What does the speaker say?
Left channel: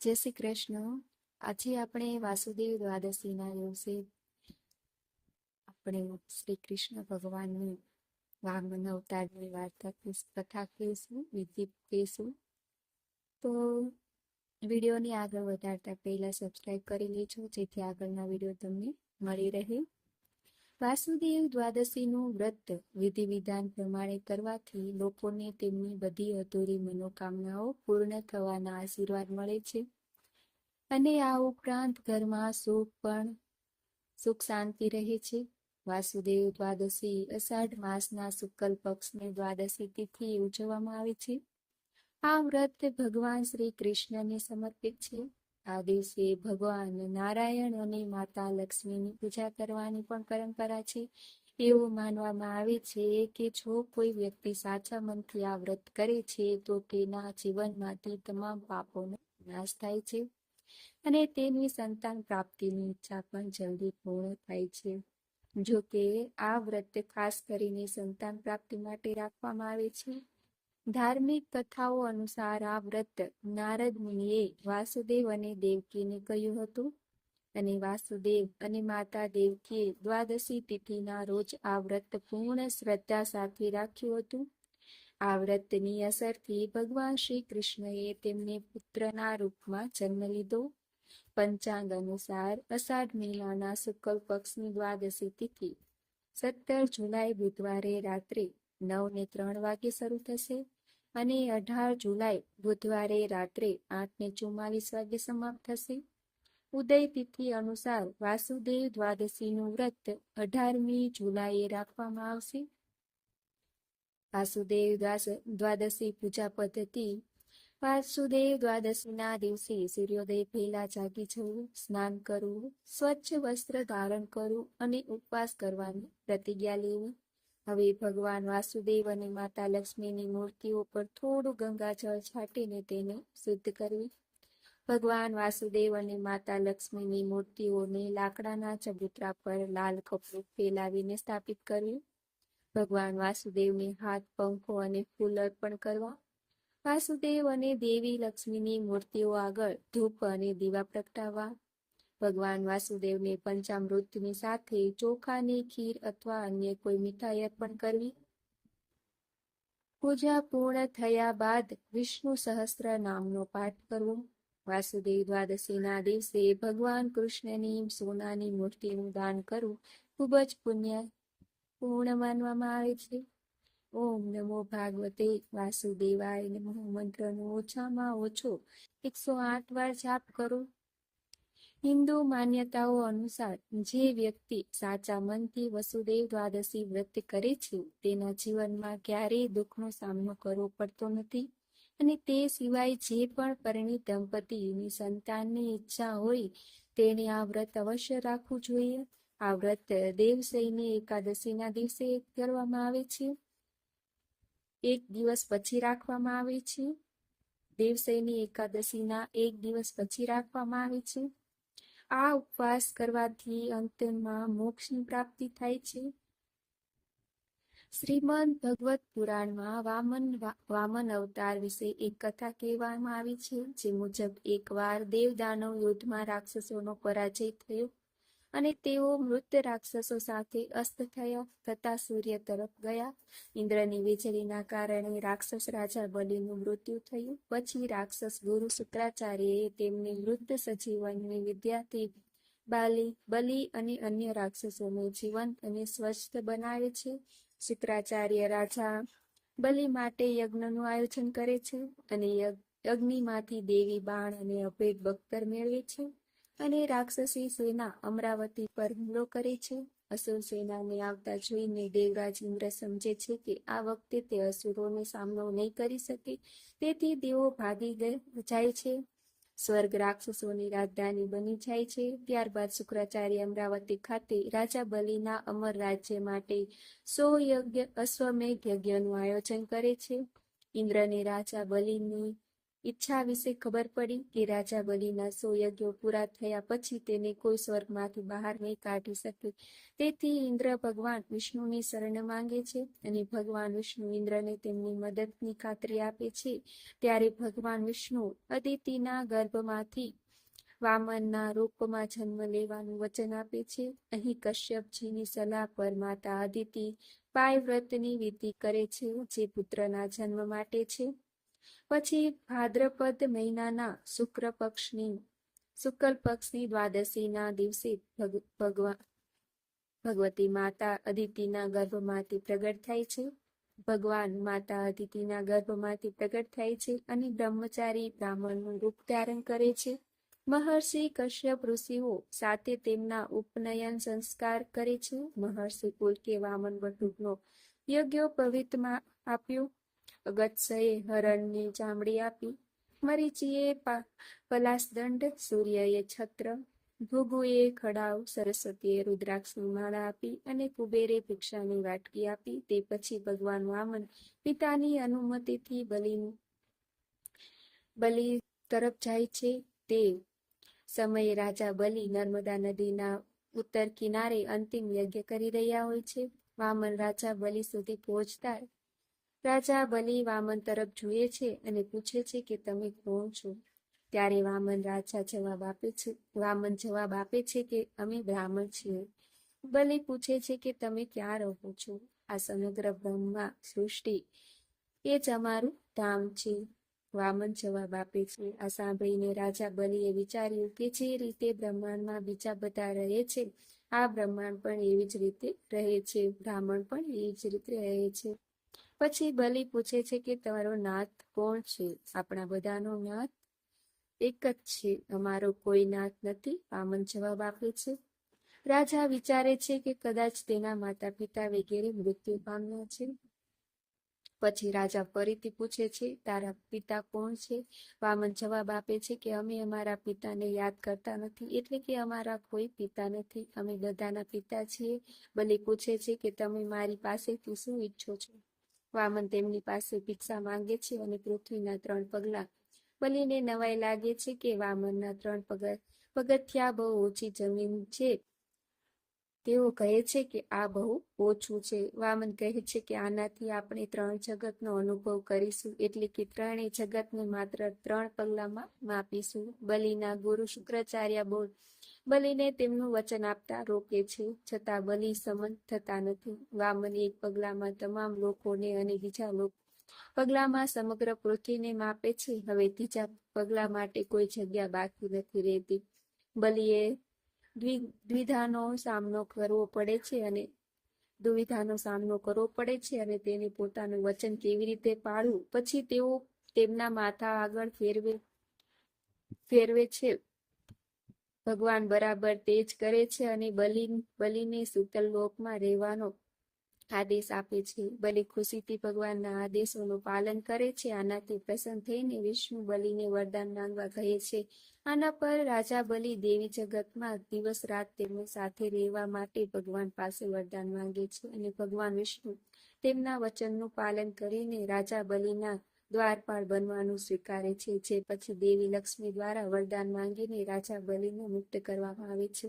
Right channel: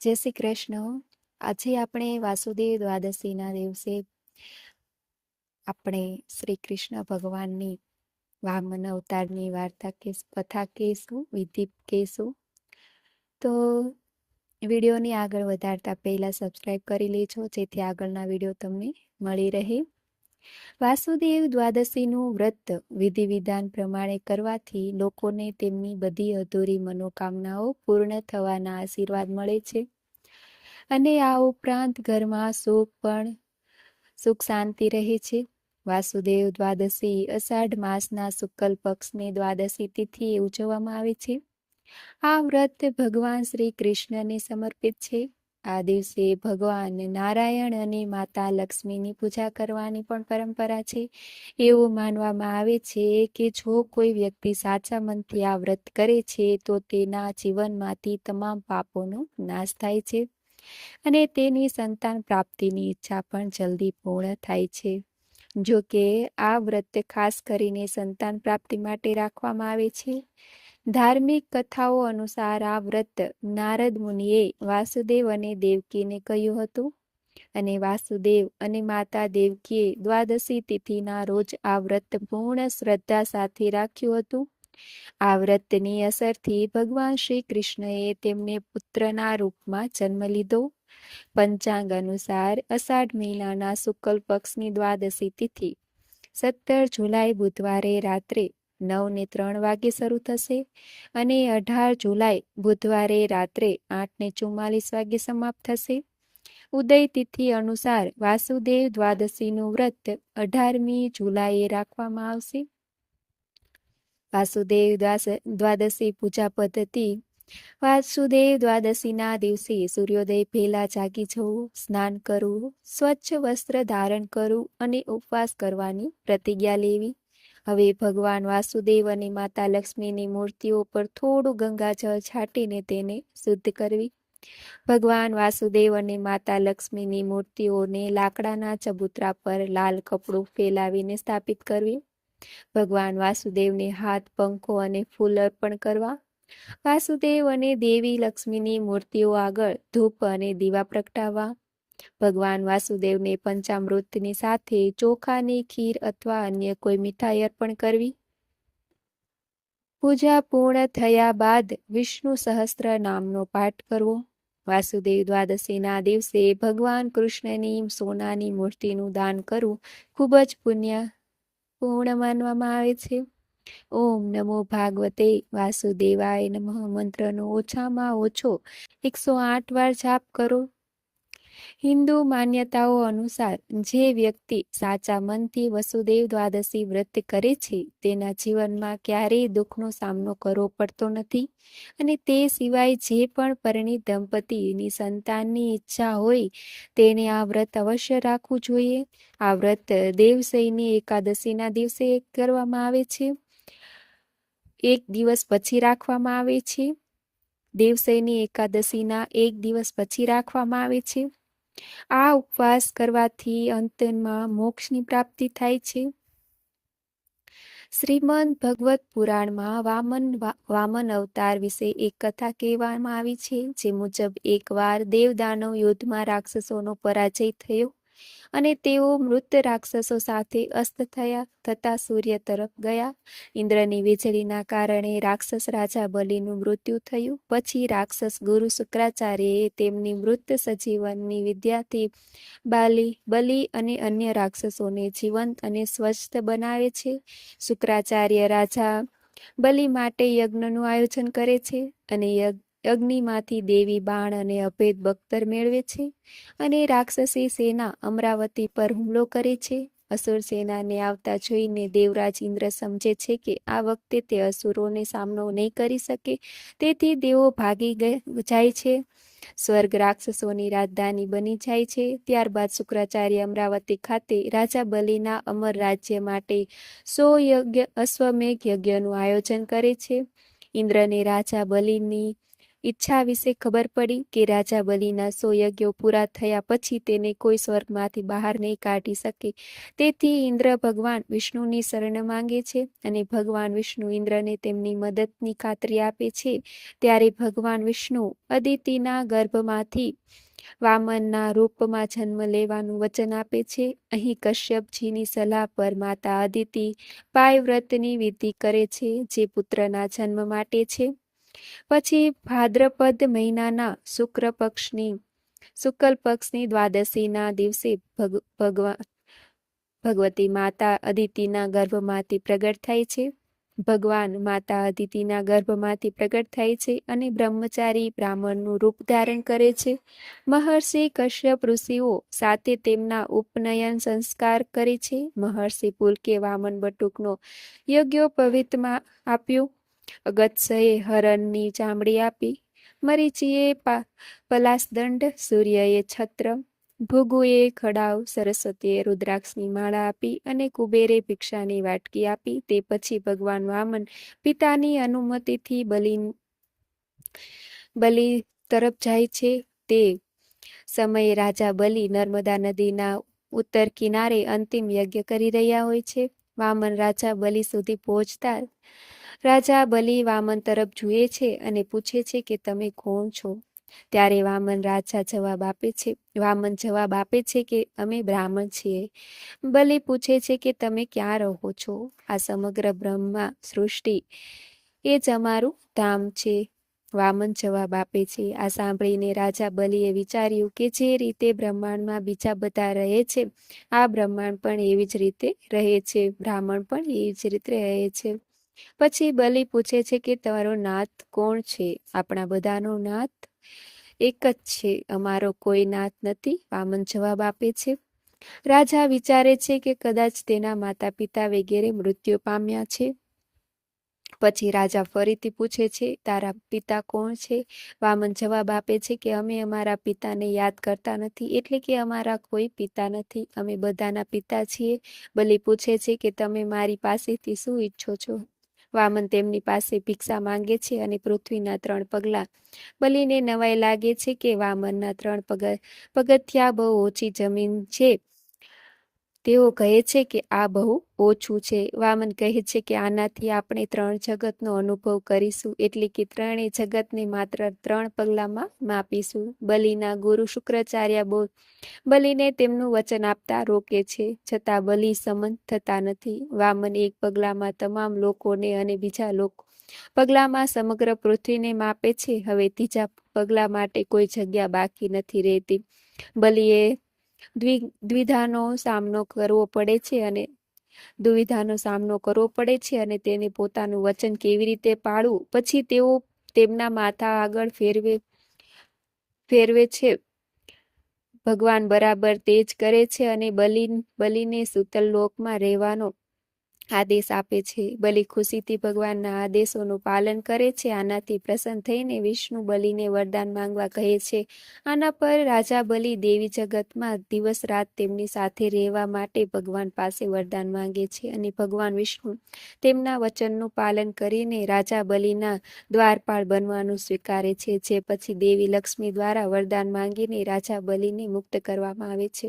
જય શ્રી કૃષ્ણ. આજે આપણે વાસુદેવ દ્વાદશીના દિવસે આપણે શ્રી કૃષ્ણ ભગવાનની વામન અવતારની વાર્તા કેસ, કથા કહેશું, વિધિ કહેશું. તો વિડીયોની આગળ વધારતા પહેલાં સબસ્ક્રાઈબ કરી લેજો, જેથી આગળના વીડિયો તમને મળી રહે. વાસુદેવ દ્વાદશીનું વ્રત વિધિ વિધાન પ્રમાણે કરવાથી લોકોને તેમની બધી અધૂરી મનોકામનાઓ પૂર્ણ થવાના આશીર્વાદ મળે છે. અને આ ઉપરાંત ઘરમાં સુખ પણ, સુખ શાંતિ રહે છે. વાસુદેવ દ્વાદશી અષાઢ માસના શુક્લ પક્ષની દ્વાદશી તિથિ ઉજવવામાં આવે છે. આ વ્રત ભગવાન શ્રી કૃષ્ણને સમર્પિત છે. આ દિવસે ભગવાન નારાયણ અને માતા લક્ષ્મીની પૂજા કરવાની પણ પરંપરા છે. એવું માનવામાં આવે છે કે જો કોઈ વ્યક્તિ સાચા મનથી આ વ્રત કરે છે, તો તેના જીવનમાંથી તમામ પાપોનો નાશ થાય છે અને તેની સંતાન પ્રાપ્તિની ઈચ્છા પણ જલ્દી પૂર્ણ થાય છે. જો કે આ વ્રત ખાસ કરીને સંતાન પ્રાપ્તિ માટે રાખવામાં આવે છે. ધાર્મિક કથાઓ અનુસાર આ વ્રત નારદ મુનિએ વાસુદેવ અને દેવકીને કહ્યું હતું. અને વાસુદેવ અને માતા દેવકીએ દ્વાદશી તિથિના રોજ આ વ્રત પૂર્ણ શ્રદ્ધા સાથે રાખ્યું હતું. આ વ્રતની અસરથી ભગવાન શ્રી કૃષ્ણએ તેમને પુત્રના રૂપમાં જન્મ લીધો. પંચાંગ અનુસાર અષાઢ મહિનાના શુક્લ પક્ષની દ્વાદશી તિથિ, સત્તર જુલાઈ બુધવારે રાત્રે નવ ને ત્રણ વાગે શરૂ થશે અને અઢાર જુલાઈ બુધવારે રાત્રે આઠ ને ચુમ્માલીસ વાગે સમાપ્ત થશે. ઉદય તિથિ અનુસાર વાસુદેવ દ્વાદશીનું વ્રત અઢારમી જુલાઈએ રાખવામાં આવશે. વાસુદેવ દ્વાદશી પૂજા પદ્ધતિ. વાસુદેવ દ્વાદશીના દિવસે સૂર્યોદય પહેલા જાગી જવું, સ્નાન કરવું, સ્વચ્છ વસ્ત્ર ધારણ કરવું અને ઉપવાસ કરવાની પ્રતિજ્ઞા લેવી. હવે ભગવાન વાસુદેવ અને માતા લક્ષ્મીની મૂર્તિઓ પર થોડું ગંગાજળ છાંટીને તેને શુદ્ધ કરવી. ભગવાન વાસુદેવ અને માતા લક્ષ્મીની મૂર્તિઓને લાકડાના ચબૂતરા પર લાલ કપડું ફેલાવીને સ્થાપિત કરવી. ભગવાન વાસુદેવને હાથ, પંખો અને ફૂલ અર્પણ કરવા. વાસુદેવ અને દેવી લક્ષ્મીની મૂર્તિઓ આગળ ધૂપ અને દીવા પ્રગટાવવા. ભગવાન વાસુદેવને પંચામૃતની સાથે ચોખાની ખીર અથવા અન્ય કોઈ મીઠાઈ અર્પણ કરવી? પૂજા પૂર્ણ થયા બાદ વિષ્ણુ સહસ્ત્ર નામનો પાઠ કરવો? વાસુદેવ દ્વાદશીના દિવસે ભગવાન કૃષ્ણની સોનાની મૂર્તિનું દાન કરવું ખૂબ જ પુણ્ય, પૂર્ણ માનવામાં આવે છે. ઓમ નમો ભાગવતે વાસુદેવાય નમઃ. મંત્રનો ઓછામાં ઓછો એકસો આઠ વાર જાપ કરો. હિન્દુ માન્યતાઓ અનુસાર જે વ્યક્તિ સાચા મનથી વસુદેવ દ્વાદશી વ્રત કરે છે, તેના જીવનમાં ક્યારેય દુઃખનો સામનો કરવો પડતો નથી અને તે સિવાય જે પણ પરિણીત દંપતીની સંતાનની ઈચ્છા હોય, તેને આ વ્રત અવશ્ય રાખવું જોઈએ. આ વ્રત દેવસૈની એકાદશીના દિવસે કરવામાં આવે છે. એક દિવસ પછી રાખવામાં આવે છે. દેવસૈની એકાદશીના એક દિવસ પછી રાખવામાં આવે છે. આ ઉપવાસ કરવાથી અંતમાં મોક્ષની પ્રાપ્તિ થાય છે. શ્રીમદ ભગવત પુરાણમાં વામન વામન અવતાર વિશે એક કથા કહેવામાં આવી છે, જે મુજબ એકવાર દેવદાનવ યુદ્ધમાં રાક્ષસોનો પરાજય થયો. અને તેઓ મૃત રાક્ષસો સાથે અસ્ત થયા, થતાં સૂર્ય તરફ ગયા. ઇન્દ્રની વીજળીના કારણે રાક્ષસ રાજા બલિનું મૃત્યુ થયું. પછી રાક્ષસ ગુરુ શુક્રાચાર્યએ તેમની મૃત સજીવનની વિદ્યાથી બાલી, બલિ અને અન્ય રાક્ષસોને જીવંત અને સ્વસ્થ બનાવે છે. શુક્રાચાર્ય રાજા બલિ માટે યજ્ઞનું આયોજન કરે છે અને યજ્ઞ અગ્નિમાંથી દેવી બાણ અને અભેદ બખ્તર મેળવે છે અને રાક્ષસી સેના અમરાવતી પર હુમલો કરે છે. અસુર સેનાને આવતા જોઈને દેવરાજ ઇન્દ્ર સમજે છે કે આ વખતે તે અસુરોને સામનો નહીં કરી શકે, તેથી દેવો ભાગી જાય છે. સ્વર્ગ રાક્ષસોની રાજધાની બની જાય છે. ત્યારબાદ શુક્રાચાર્ય અમરાવતી ખાતે રાજા બલિના અમર રાજ્ય માટે સો યજ્ઞ, અશ્વમેઘ યજ્ઞનું આયોજન કરે છે. ઇન્દ્રને રાજા બલિની ઈચ્છા વિશે ખબર પડી કે રાજા બલિના સો યજ્ઞો પૂરા થયા પછી તેને કોઈ સ્વર્ગમાંથી બહાર નહીં કાઢી શકે. તેથી ઇન્દ્ર ભગવાન વિષ્ણુની શરણ માંગે છે અને ભગવાન વિષ્ણુ ઇન્દ્રને તેમની મદદની ખાતરી આપે છે. ત્યારે ભગવાન વિષ્ણુ અદિતિના ગર્ભમાંથી વામનના રૂપમાં જન્મ લેવાનું વચન આપે છે. અહીં કશ્યપજીની સલાહ પર માતા અદિતિ પાયવ્રતની વિધિ કરે છે, જે પુત્રના જન્મ માટે છે. પછી ભાદ્રપદ મહિનાના શુક્ર પક્ષની, શુક્લ પક્ષની દ્વાદશીના દિવસે ભગવતી માતા અદિતિના ગર્ભમાંથી પ્રગટ થાય છે. ભગવાન માતા અદિતિના ગર્ભમાંથી પ્રગટ થાય છે અને બ્રહ્મચારી બ્રાહ્મણનું રૂપ ધારણ કરે છે. મહર્ષિ કશ્યપ ઋષિઓ સાથે તેમના ઉપનયન સંસ્કાર કરે છે. મહર્ષિ પુલકે વામન બટુકનો યજ્ઞોપવિતમાં આપ્યું. અગત્યએ હરણની ચામડી આપી મરીચીએ પા, પલાસદંડ સૂર્યએ છત્ર ભૃગુએ ખડાવ સરસ્વતીએ રુદ્રાક્ષની માળા આપી અને કુબેરે ભિક્ષાની વાટકી આપી, તે પછી ભગવાન વામન પિતાની અનુમતિથી બલિ બલિ તરફ જાય છે. તે સમયે રાજા બલિ નર્મદા નદીના ઉત્તર કિનારે અંતિમ યજ્ઞ કરી રહ્યા હોય છે. વામન રાજા બલિ સુધી પહોંચતા રાજા બલિ વામન તરફ જુએ છે અને પૂછે છે કે તમે કોણ છો? ત્યારે વામન રાજા જવાબ આપે છે, વામન જવાબ આપે છે કે અમે બ્રાહ્મણ છીએ. બલિ પૂછે છે કે તમે ક્યાં રહો છો? આ સમગ્ર બ્રહ્મા સૃષ્ટિ એ જ અમારું ધામ છે. વામન જવાબ આપે છે, આ સાંભળીને રાજા બલિએ વિચાર્યું કે જે રીતે બ્રહ્માંડમાં બીજા બધા રહે છે, આ બ્રહ્માંડ પણ એવી જ રીતે રહે છે, બ્રાહ્મણ પણ એવી જ રીતે રહે છે. પછી બલિ પૂછે છે કે તમારો નાથ કોણ છે? આપણા બધાનો નાથ એક જ છે. અમારો કોઈ નાથ નથી. વામન જવાબ આપે છે. રાજા વિચારે છે કે કદાચ તેના માતા પિતા વગેરે મૃત્યુ પામ્યા છે. પછી રાજા ફરીથી પૂછે છે, તારા પિતા કોણ છે? વામન જવાબ આપે છે કે, અમે અમારા પિતાને યાદ કરતા નથી, એટલે કે અમારા કોઈ પિતા નથી. અમે બધાના પિતા છીએ. બલિ પૂછે છે કે, તમે મારી પાસેથી શું ઈચ્છો છો? વામન તેમની પાસે ભિક્ષા માંગે છે અને પૃથ્વીના ત્રણ પગલાં. બલીને નવાઈ લાગે છે કે વામનના ત્રણ પગ, પગથિયા બહુ ઓછી જમીન છે. તેઓ કહે છે કે આ બહુ ઓછું છે. વામન કહે છે કે આનાથી આપણે ત્રણ જગતનો અનુભવ કરીશું એટલે કે ત્રણેય જગતને માત્ર ત્રણ પગલામાં માપીશું. બલિના ગુરુ શુક્રાચાર્ય બોલ, બલિને તેમનું વચન આપતા રોકે છે, છતાં બલિ સમન થતા નથી. વામન એક પગલામાં તમામ લોકોને અને બીજા લોકો પગલામાં સમગ્ર પૃથ્વીને માપે છે. હવે ત્રીજા પગલા માટે કોઈ જગ્યા બાકી નથી રહેતી. બલિએ દ્વિ, દ્વિધાનો સામનો કરવો પડે છે અને દુવિધાનો સામનો કરવો પડે છે અને તેને પોતાનું વચન કેવી રીતે પાળવું? પછી તેઓ તેમના માથા આગળ ફેરવે ફેરવે છે. ભગવાન બરાબર તે જ કરે છે અને બલિ બલિને સુતલ લોકમાં રહેવાનો આદેશ આપે છે. બલિ ખુશીથી ભગવાનના આદેશોનું પાલન કરે છે. આનાથી પ્રસન્ન થઈને વિષ્ણુ બલિને વરદાન માંગવા કહે છે. આના પર રાજા બલિ દેવી જગતમાં દિવસ રાત તેમની સાથે રહેવા માટે ભગવાન પાસે વરદાન માંગે છે અને ભગવાન વિષ્ણુ તેમના વચનનું પાલન કરીને રાજા બલિના દ્વારપાળ બનવાનું સ્વીકારે છે. જે પછી દેવી લક્ષ્મી દ્વારા વરદાન માંગીને રાજા બલિને મુક્ત કરવામાં આવે છે.